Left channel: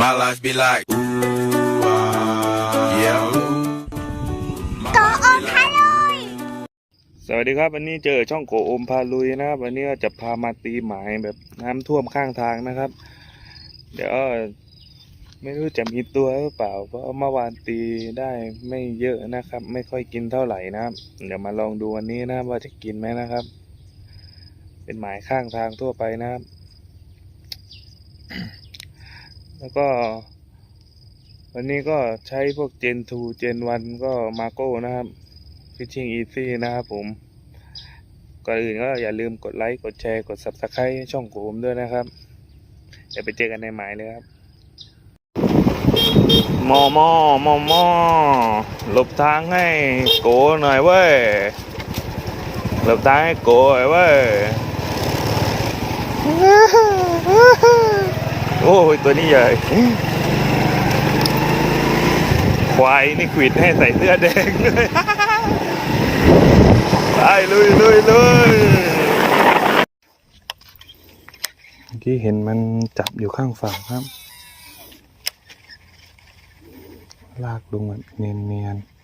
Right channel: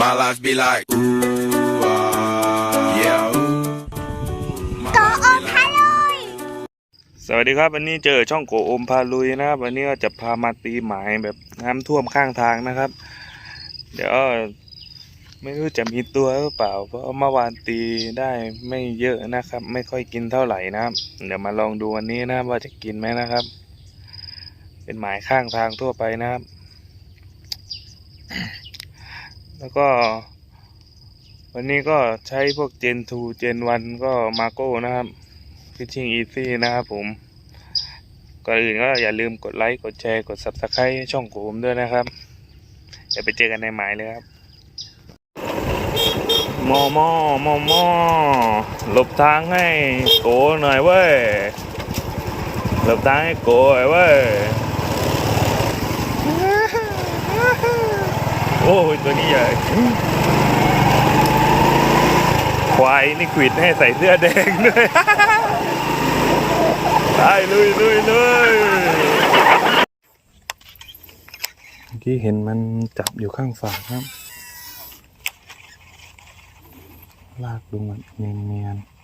My life be like, ooh, ah, yeah. โกโอพาลุยสวัสดีครับวันนี้เจอช่องโกโอมพาลุยนะครับ วันนี้ก็จะพามาตีหมายแบบน้ำท่วมข้างทางนะครับ เดี๋ยวไม่รู้จะมีตัวหรือเปล่า เพราะเมื่อวานตีได้ไม่เยอะนะครับ ไม่ค่อยกินเท่าไหร่นะครับ เดี๋ยวมาลองดูวันนี้นะครับว่าจะกินไหมนะครับ เป็นหมายข้างทางทั่วไปนะครับ แล้วก็ วันนี้ก็ใช้พวกเจนทูเจนวันก็มาโก้นะครับ Fishing Easy นะครับผม ก่อนอื่นก็อย่าลืมกดไลค์กดแชร์กด Subscribe ให้ช่องผมด้วยนะครับเดี๋ยวไปเจอกันในหมายเลยครับมอมอมอมอหลบทางให้โกหน่อยเว้ยหลบทางให้โกหน่อยเว้ย อ้ยตัวนี้ใหญ่ ควายนี่ขวิดให้ใส่เสื้อแดงด้วยได้เลยเลยเลยเมื่อกี้เห็นมันจับอยู่ข้างฝั่งครับ ลากลงแบบเนียนๆ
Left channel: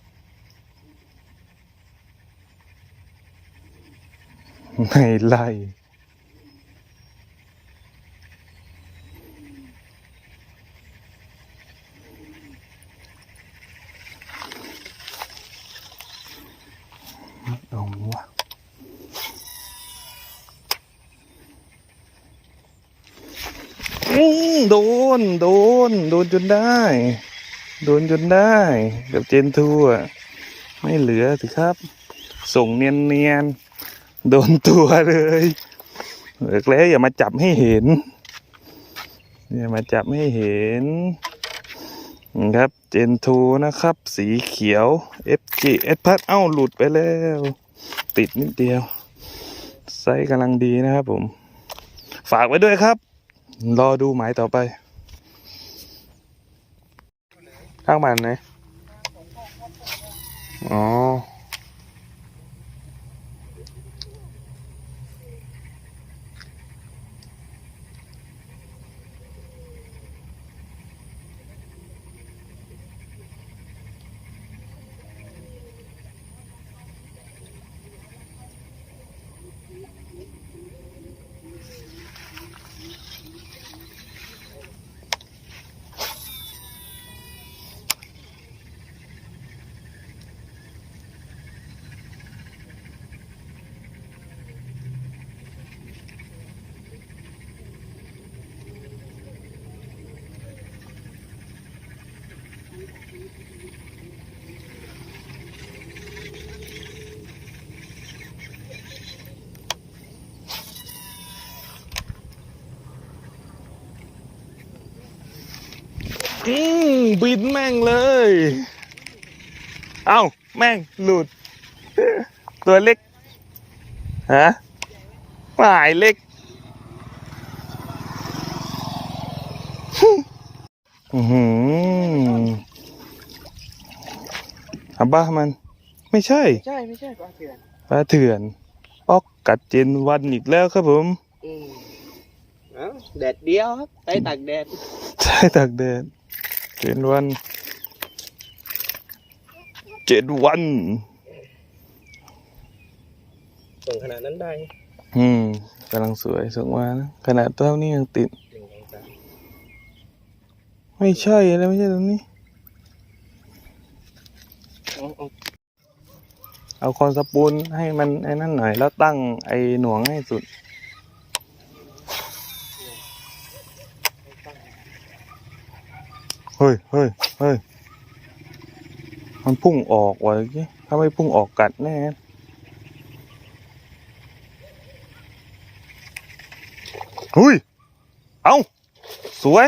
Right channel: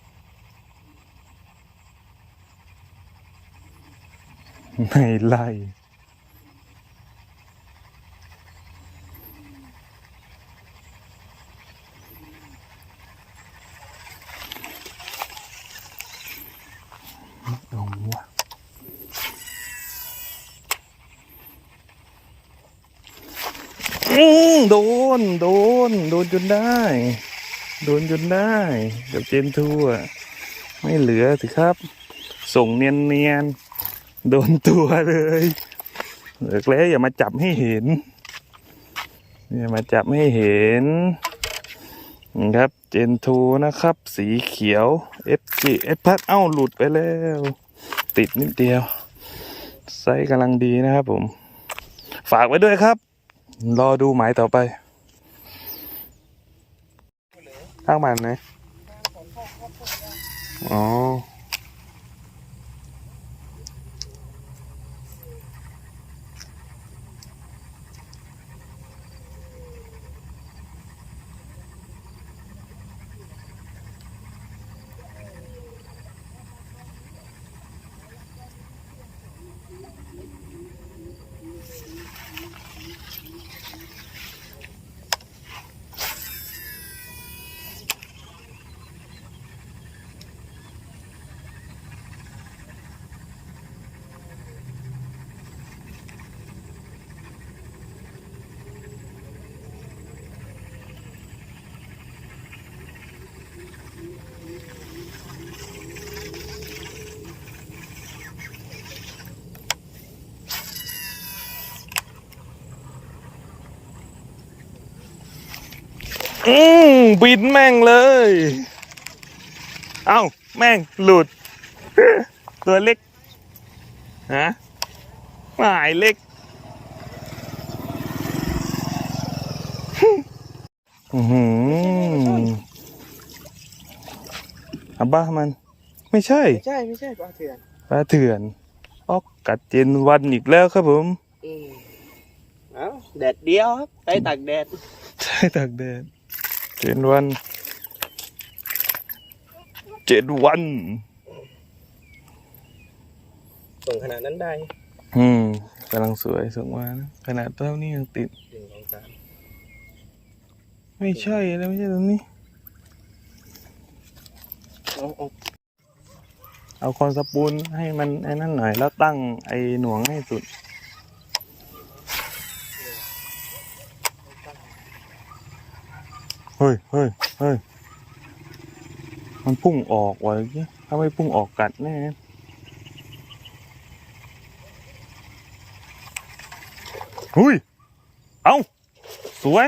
ไม่ไล่ เอาวะอืม โดน โดน โดนจนได้ โดนจนได้กับเจนทูอะไม่เหลือสิครับ ส่งเนียนเนียนโดนตัวเลยเหลือแล้วอย่ามาจับให้เห็น อย่ามาจับให้เห็นนี่ครับ เจนทูนะครับ สีเขียว FG เอสพัดเอ้าหลุดไปแล้ว ติดนิดเดียว ไซส์กำลังดีนะครับผม ฝากไว้ด้วยครับ รอดูหมายต่อไป ข้างมันไหน อ๋อม บินแม่งเลย เอ้า แม่งหลุด ตัวเล็ก ฮะหมายเล็กอือหืออาบ้ามัน ไม่ใช่ ใช่ไม่ใช่ปลาเถื่อนปลาเถื่อนออกกัดเจนวันอีกแล้วครับผมอืมเอ้าแดดเดียวครับไปตากแดดใช่ตากแดด เจ็ดวัน เจ็ดวันส่งขนาดนั้นได้ อืมกำลังสวยส่งมานะขนาดเท่านี้ยังติด หนึ่งสองสามไม่ใช่แล้วไม่ใช่ตรงนี้ เอาเอาเอาคอนสปูลให้มันไอ้นั่นหน่อย แล้วตั้งไอ้หน่วงให้สุด เฮ้ยเฮ้ยเฮ้ยมันพุ่งออกว่ะเมื่อกี้ถ้าไม่พุ่งออกกัดแน่หุ้ย เอาสวย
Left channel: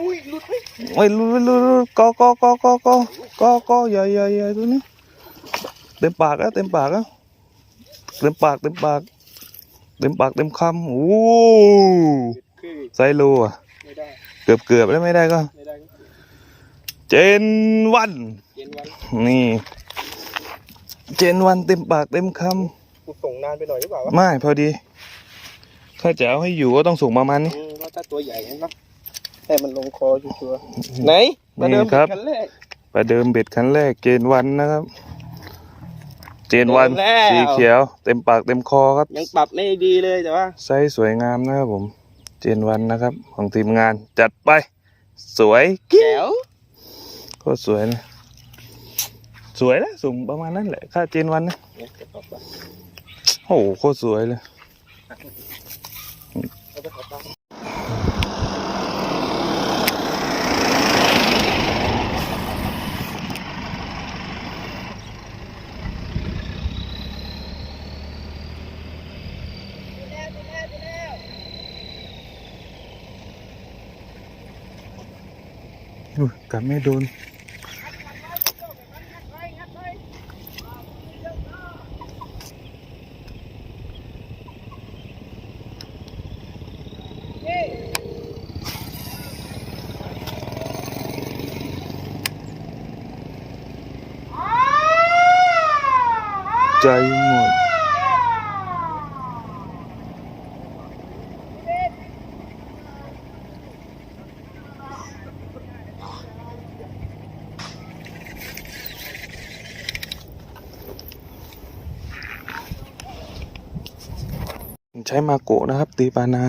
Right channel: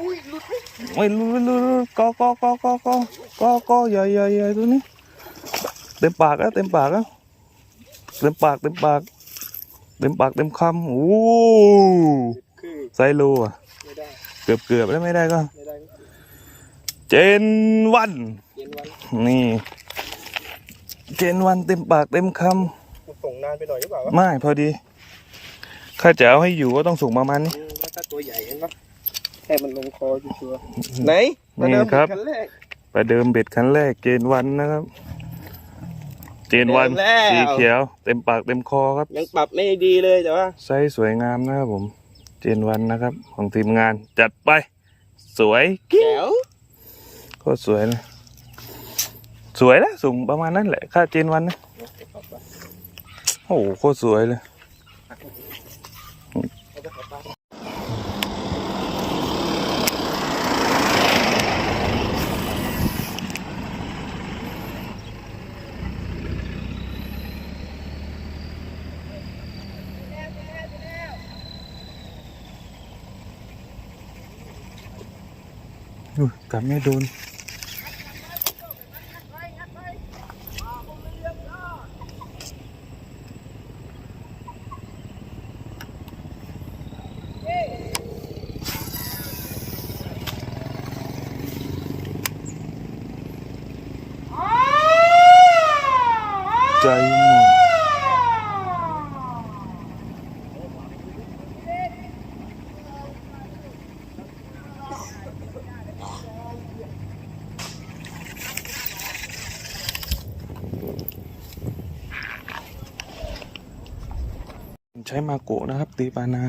อุ้ยหลุดไหมโอ้ยลุลุลุลุกอกอกอกอกอกอกอใหญ่ใหญ่ใหญ่ตัวนี้ เต็มปากแล้วเต็มปากแล้วเต็มปากเต็มปาก เต็มปากเต็มคำโอ้คือไซโลอะไม่ได้เกือบเกือบแล้วไม่ได้ก็ไม่ได้ เจนวันเย็นวัน นี่ เจนวันเต็มปากเต็มคกูส่งนานไปหน่อยหรือเปล่าำไม่พอดี ข้าจะเอาให้อยู่ก็ต้องสูงประมาณนี้อืมแล้วถ้าตัวใหญ่เห็นปะให้มันลงคอชัวร์ๆไหนมาเดินี่ครับขั้นแรกประเดิมเบ็ดคันแรก เจนวันนะครับ เจนวันเดิมแล้วสีเขียว เต็มปากเต็มคอครับ ยังปรับไม่ดีเลยแต่ว่าไซส์สวยงามนะครับผม เจนวันนะครับ ของทีมงานจัดไป สวยกิ๊แจ๋ว โคตรสวยเลยสวยนะสูงประมาณนั้นแหละ ค่าเจนวันนะโอ้โหโคตรสวยเลยอุ๊ยกลับไม่โดน ใจหมดใช้มาโกะนะครับ ตีปานา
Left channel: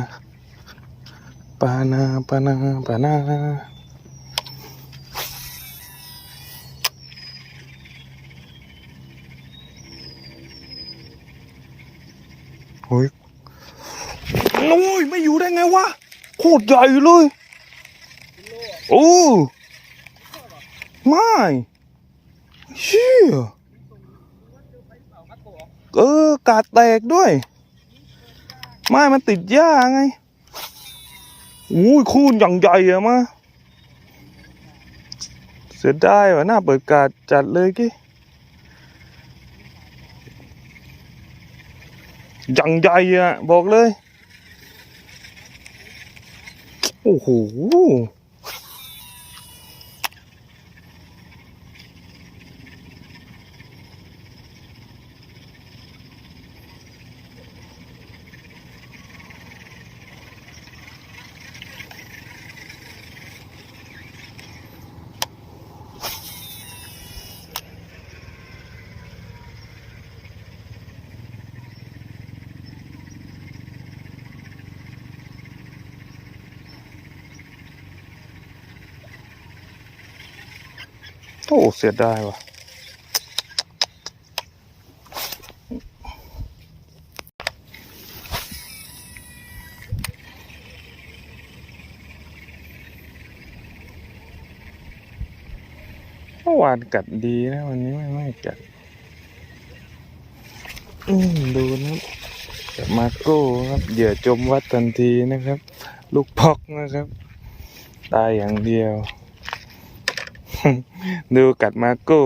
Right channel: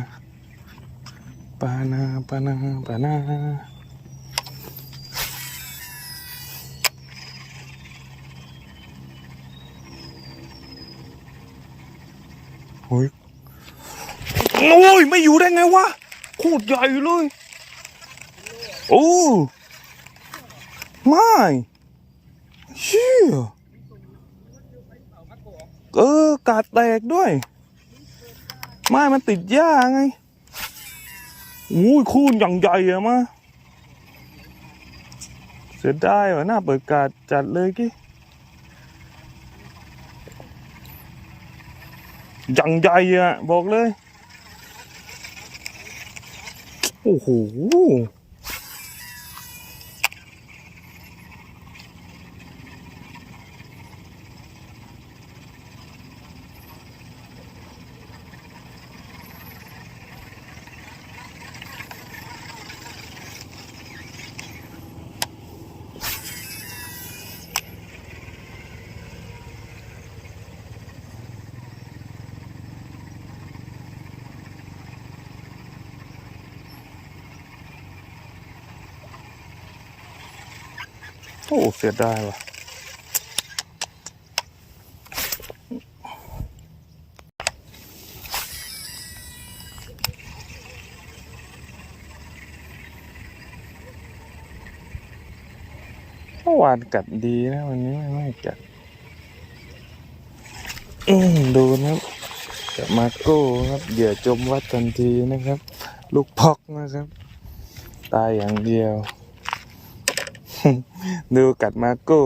ปานา ปานา ปานา เฮ้ยโอ้ยไม่อยู่ได้ไงวะโคตรใหญ่เลยโอ้ไม่เชี่ยเออกาดแตกด้วย ไม่มันติดหญ้าไงโอ้ยคูนอย่างใหญ่อะมาเสียดายว่ะหน้าเปิดกาดจัดเลยกี้ อย่างใหญ่อะบอกเลย โอ้โห โอ้เสียดายว่ะเมื่อวานกัดดีนะวันนี้ไม่ไม่กัด อืมดูนะครับกับมาโก้ครับเหยื่อจมวัดทันทีนะครับ ลูกพอกนะครับ ตายอย่างเดียว ดูกัดมาโก้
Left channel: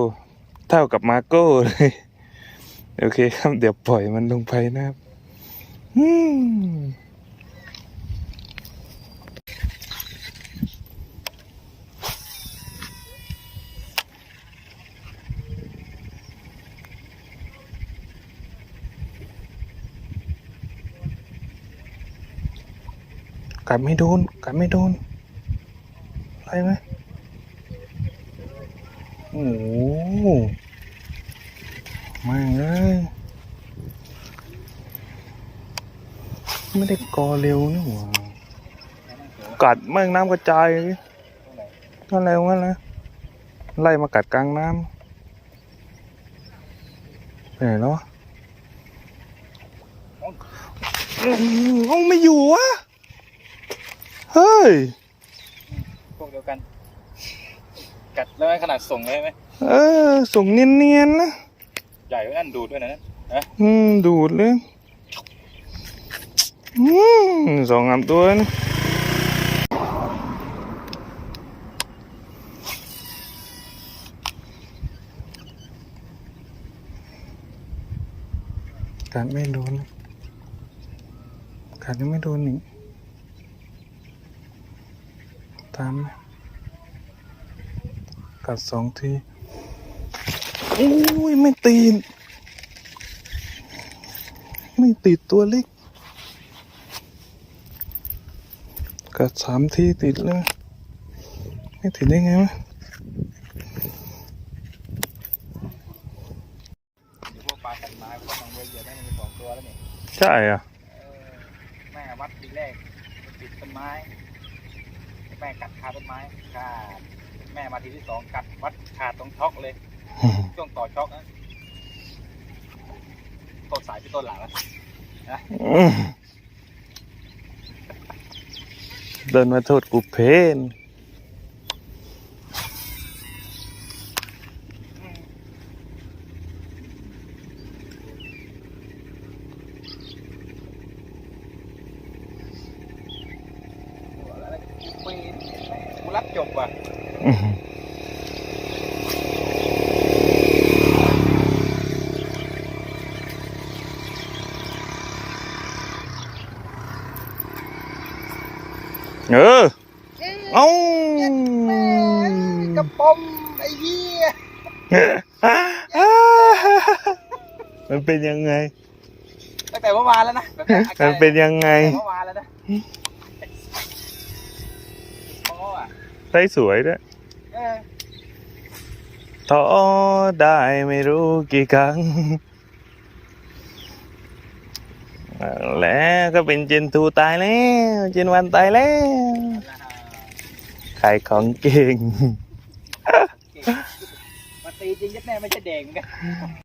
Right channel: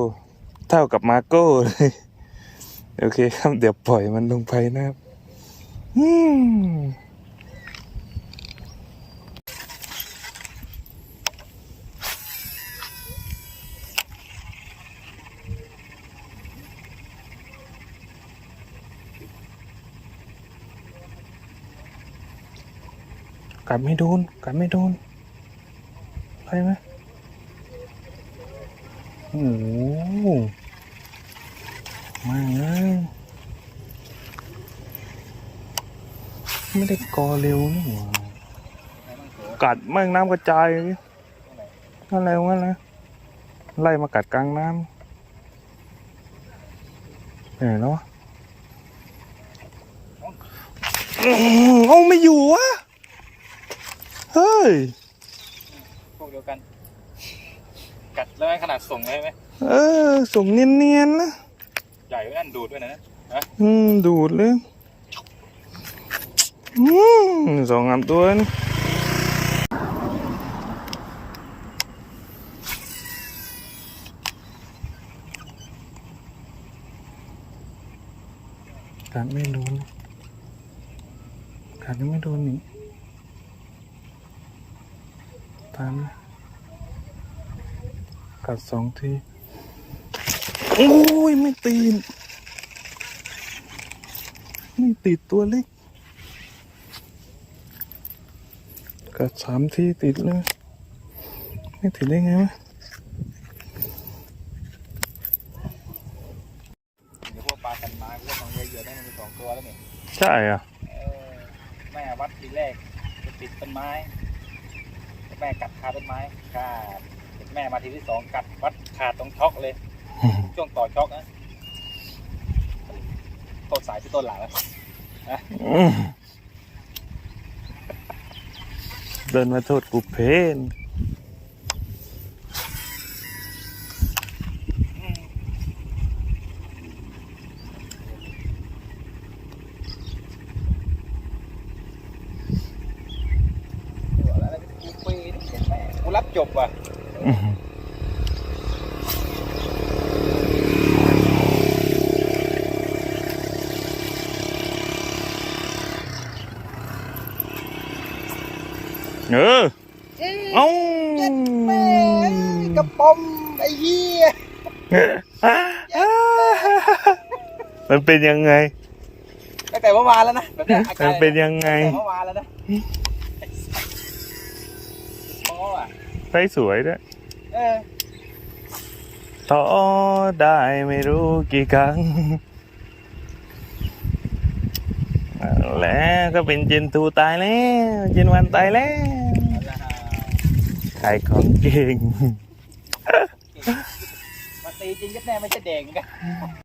เท่ากับมาโก้เลย โอเคครับ เดี๋ยวปล่อยมันลงไปนะครับกัดไม่โดนกัดไม่โดนอะไรไหม โอ้โหมาเลยไม่ได้กอเร็วนี่หว่ากัดแม่งน้ำกระจายนั่นอะไรวะนะไล่มากัดกลางน้ำไปไหนแล้ววะอื้อหือเอาไม่อยู่วะ เฮ้ยพวกเดียวกัน กัดแล้วให้ขนาดส่งเลยไหมเออ ส่งเนียนๆนะใหญ่ไว้นั่นดูดด้วยนะอืมดูดเลยอืมสองสามตัวนี่กัดไม่โดนกัดยังไม่โดนนี่ตามไหม กัดสองทีโอ้ยไม่ตีน ไม่ติดตัวเล็ก กัดสามทีติดเลยไม่ถึงได้ไงวะใช่อะแม่วัดทีแรกติดต้นไม้แม่กัดคาต้นไม้ขาด แม่มาทีที่สองกัดวัดขาดตรงช็อกเลย ช่วงต่อช็อกนะต้นสายพี่ต้นหลังนะอืมเดินมาโทษกูเพนกูรับจบว่ะอืม เออ เอ้ากระป๋อมไอ้เหี้ยมันเป็นยังไงตั้งแต่เมื่อวานแล้วนะมันเป็นยังไงเมื่อวานแล้วนะโอ้ว่ะได้สวยด้วย ต่อได้ไม่รู้กี่ครั้งแล้วก็เป็นเจนทูตายแล้ว เจนวันตายแล้วขายของเก่งมาตีจริงยัดแน่ไม่ใช่เด็กกัน